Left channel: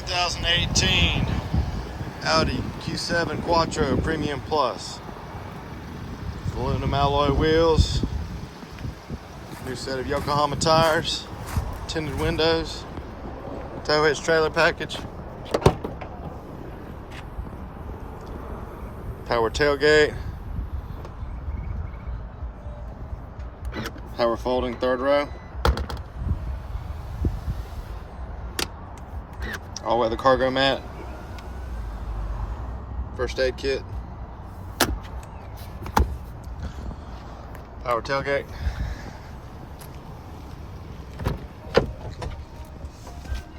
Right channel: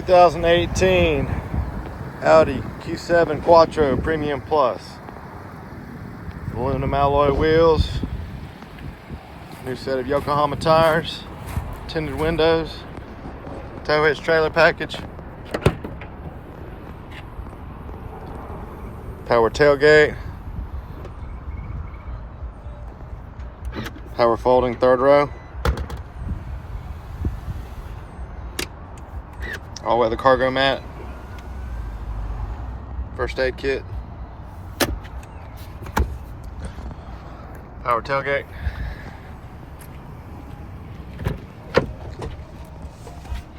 2018 Audi Q7 Quattro Premium Plus. Aluminum alloy wheels. New set of Yokohama tires. Tinted windows. Tow hitch trailer package. Power tailgate. Power folding third row. All weather cargo mat. First aid kit. Power tailgate.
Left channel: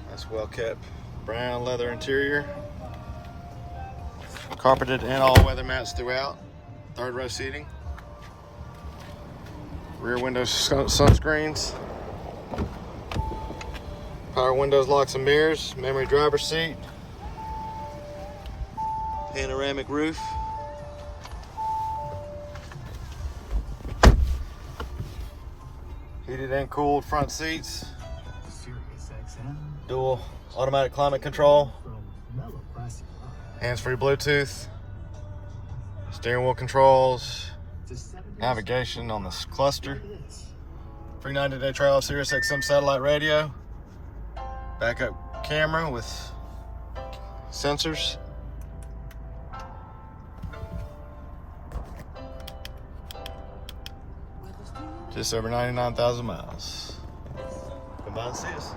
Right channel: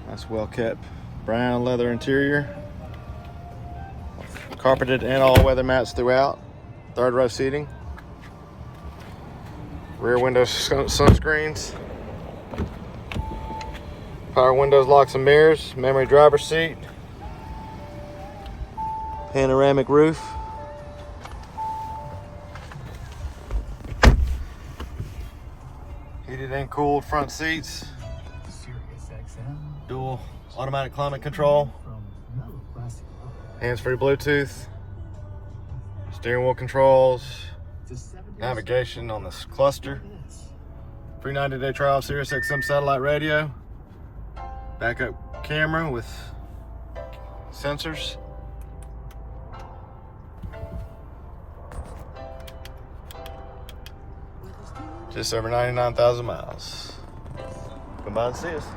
That's well kept brown leather interior. Carpeted and all weather mats throughout. Third row seating. Rear window sunscreens. Power windows, locks and mirrors. Memory driver seat. Panoramic roof. Heated and cooled front seats. Dual automatic climate control. Hands-free Bluetooth. Steering wheel controls. Navigation on this cluster. Free 90-day trial Sirius XM satellite radio. Backup camera with sensors. Just over 99,000 miles. Come by and see us.